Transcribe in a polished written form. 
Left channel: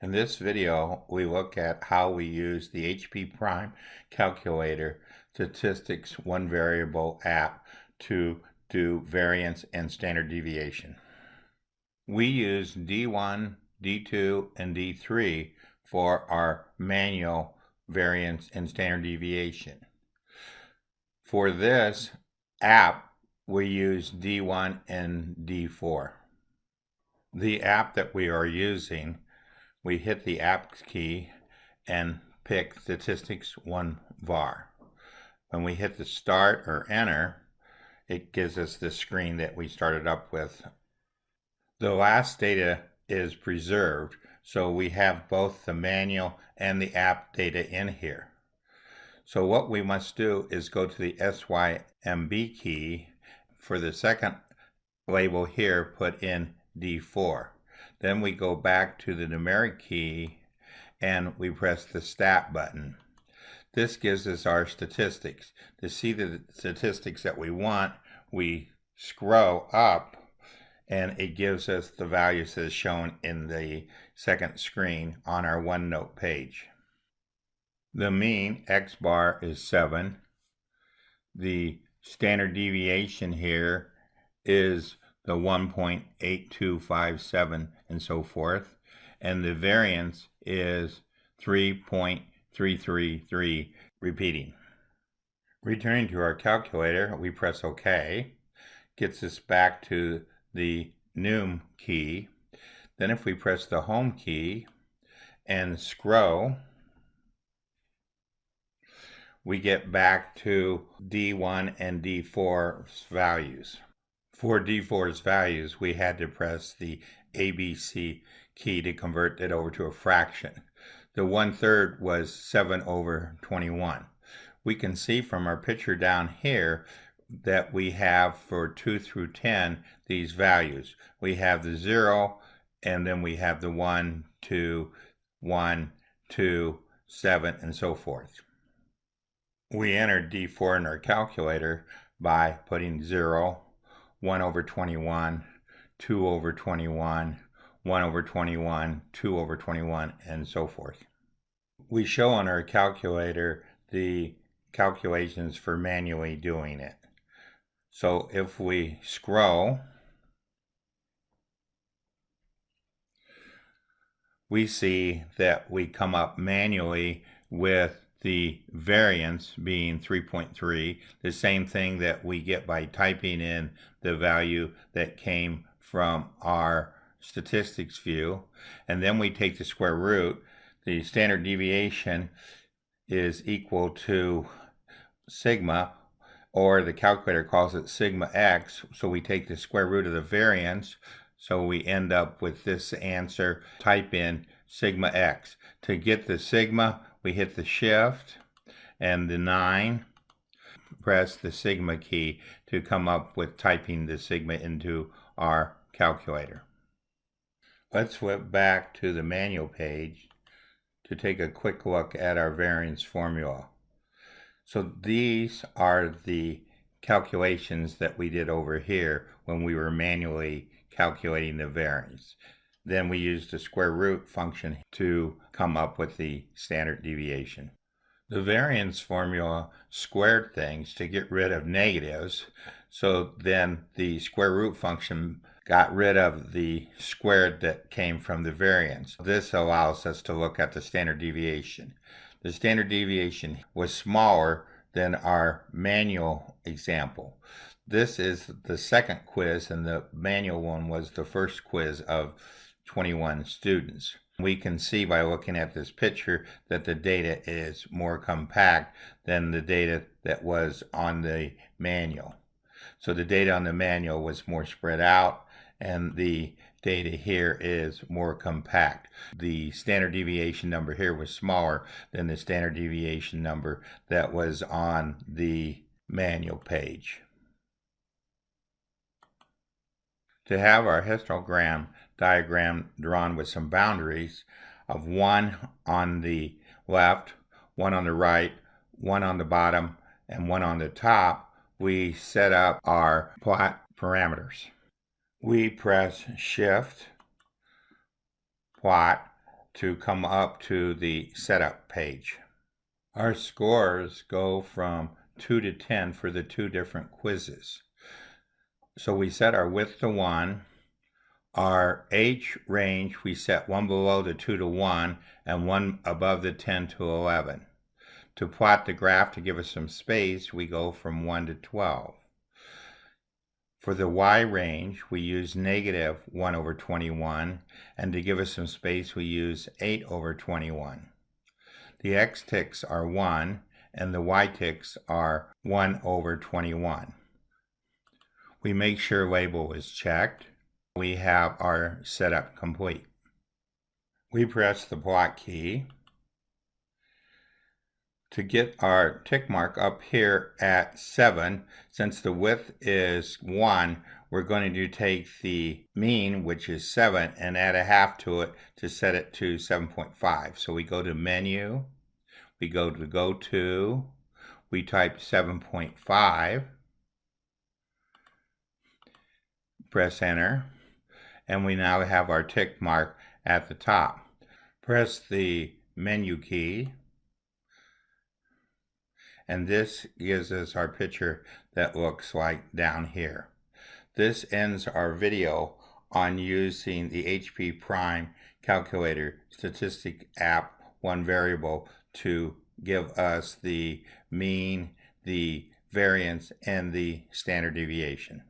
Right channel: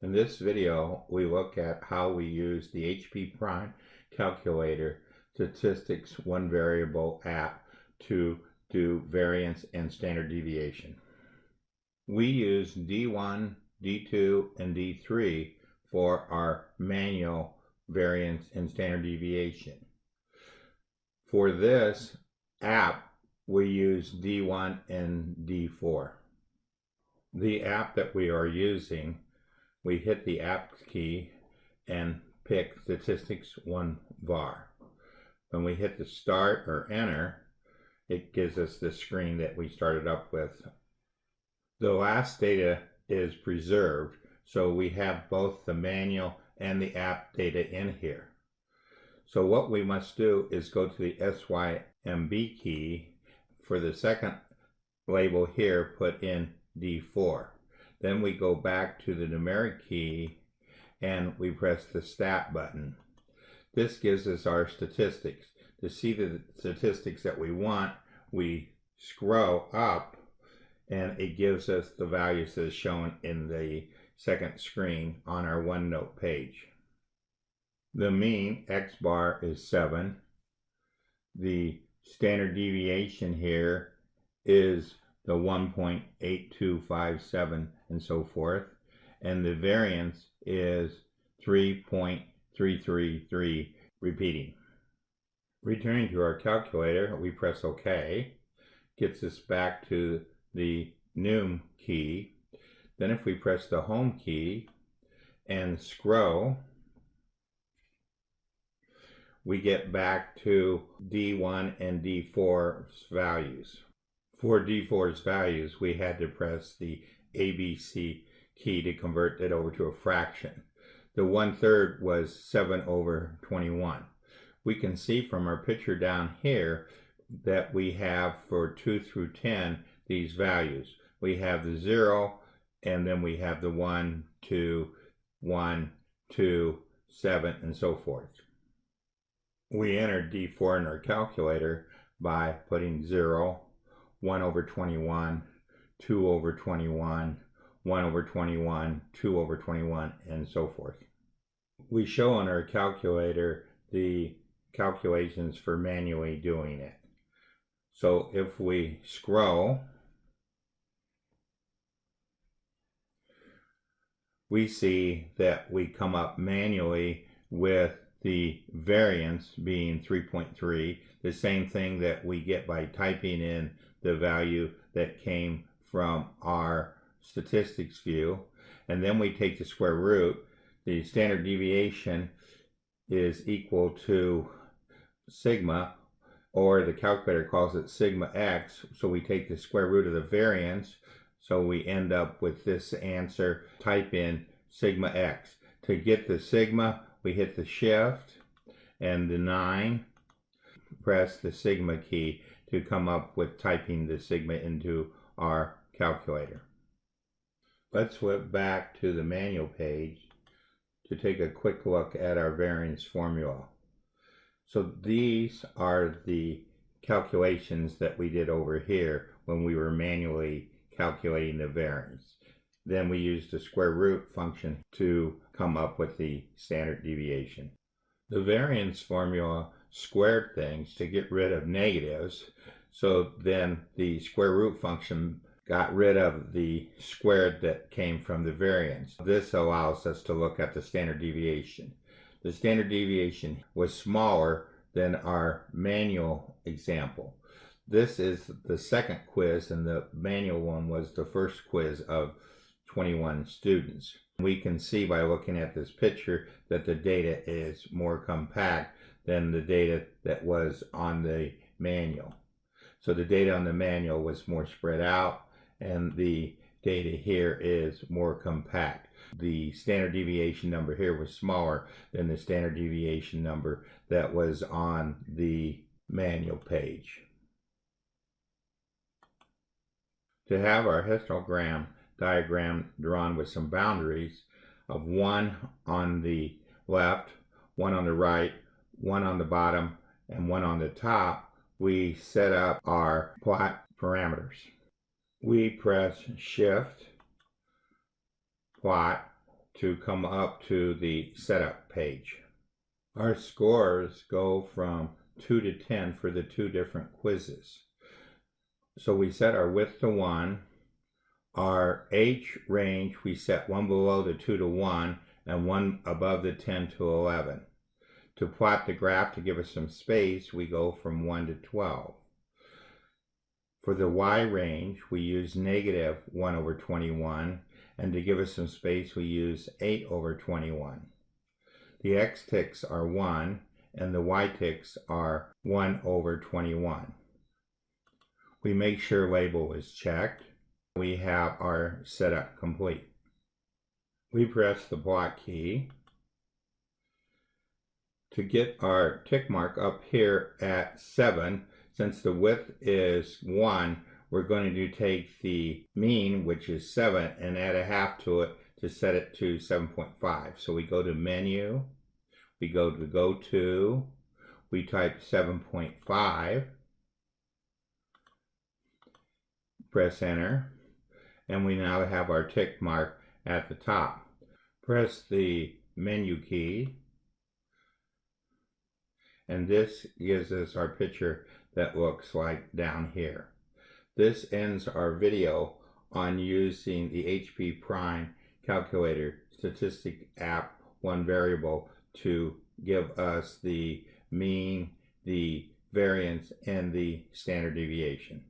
In this video, we look at how we use the HP Prime Calculator Statistics One Variable app to do variance and standard deviation. We use D1, D2, and D3 for our manual variance and standard deviation. For this app, we use D1 and D4. The app that we are using, we hit the app key and pick Statistics 1 var. When we hit the start or enter, it gives us the screen that we started up with. The last data is preserved, so we have both the manual and the app data in here. So what we must do is go to the SYMB key. For the second label here, put in D4. Then we go back to the numeric key and we press the stat button. This gives us our statistics. To see the statistics that we want, we scroll up and it gives us the values that is shown in the second screen on our Onenote page. The mean X bar is 7. The standard deviation here is the 1.8257 and so forth, and the variance is 3.333 repeating. Returning to our calculator, we press OK, gets us back to the Num key. Then if we press the Home key and scroll, we get back to D1 and D4's values. For D4's values, we had to press the ABC key to convert it over to a fraction. The 1/3 was 7/21. We can see from our picture down here that we have for 2 through 10 these values. We have the 0, and then we have the 1, 2, 1, 2, 7, and so forth. We entered D4 in our calculator by putting 0, 1/21, 2/21, 1/21, 2/21, and so forth. We show on our calculator the calculations for manually doing it. So if we scroll, we see that we come up manually with the variance being 3.3, the same thing that we get by typing in the value that came from our statistics view. And then we take the square root. The standard deviation is equal to sigma, or the calculator calls it sigma x. So we take the square root of the variance. So we end up with this answer. Type in sigma x. To get the sigma, we hit the shift and the 9, press the sigma key to come up with typing the sigma into our calculator. Let's flip back to the manual page to take a quick look at our variance formula. So these are the calculations that we did over here when we were manually calculating the variance. Then we used the square root function to come up with the standard deviation. The variance formula squared things to get rid of negatives, so then the square root function got rid of the squared that came from the variance. This allows us to look at the standard deviation. The standard deviation was smaller than our manual example. This is the second quiz, and the manual one was the first quiz of 21 students. We can see by looking at this picture that the data is more compact than the data that was on the manual. So the data on the manual was more spread out, and the data here is more compact. The standard deviation number here was smaller than the standard deviation number that was on the manual page. To have our histogram diagram drawn with some boundaries of 1 on the left, 1 on the right, 1 on the bottom, and 1 on the top, we set up our plot parameters. We press Shift, Plot, to come up to the setup page. Our scores go from 2 to 10 for the two different quizzes. So we set our width to 1. Our H range, we set 1 below the 2 to 1 and 1 above the 10 to 11. To plot the graph to give us some space, we go from 1 to 12. For the Y range, we use negative 1 over 21, and to give us some space, we use 8 over 21. The X ticks are 1, and the Y ticks are 1 over 21. We make sure label is checked. We have our setup complete. We press the plot key. To get our tick mark up here at 7, since the width is 1, we're going to take the mean, which is 7, and add a half to it to set it to 7.5. So we go to Menu, we go to Go To, we type 7.5, press Enter, and we now have our tick mark at the top. Press the Menu key, and this gives us our picture that looks like down here. This ends our video on using the HP Prime Calculator statistic app one variable to give us the mean, the variance, and the standard deviation.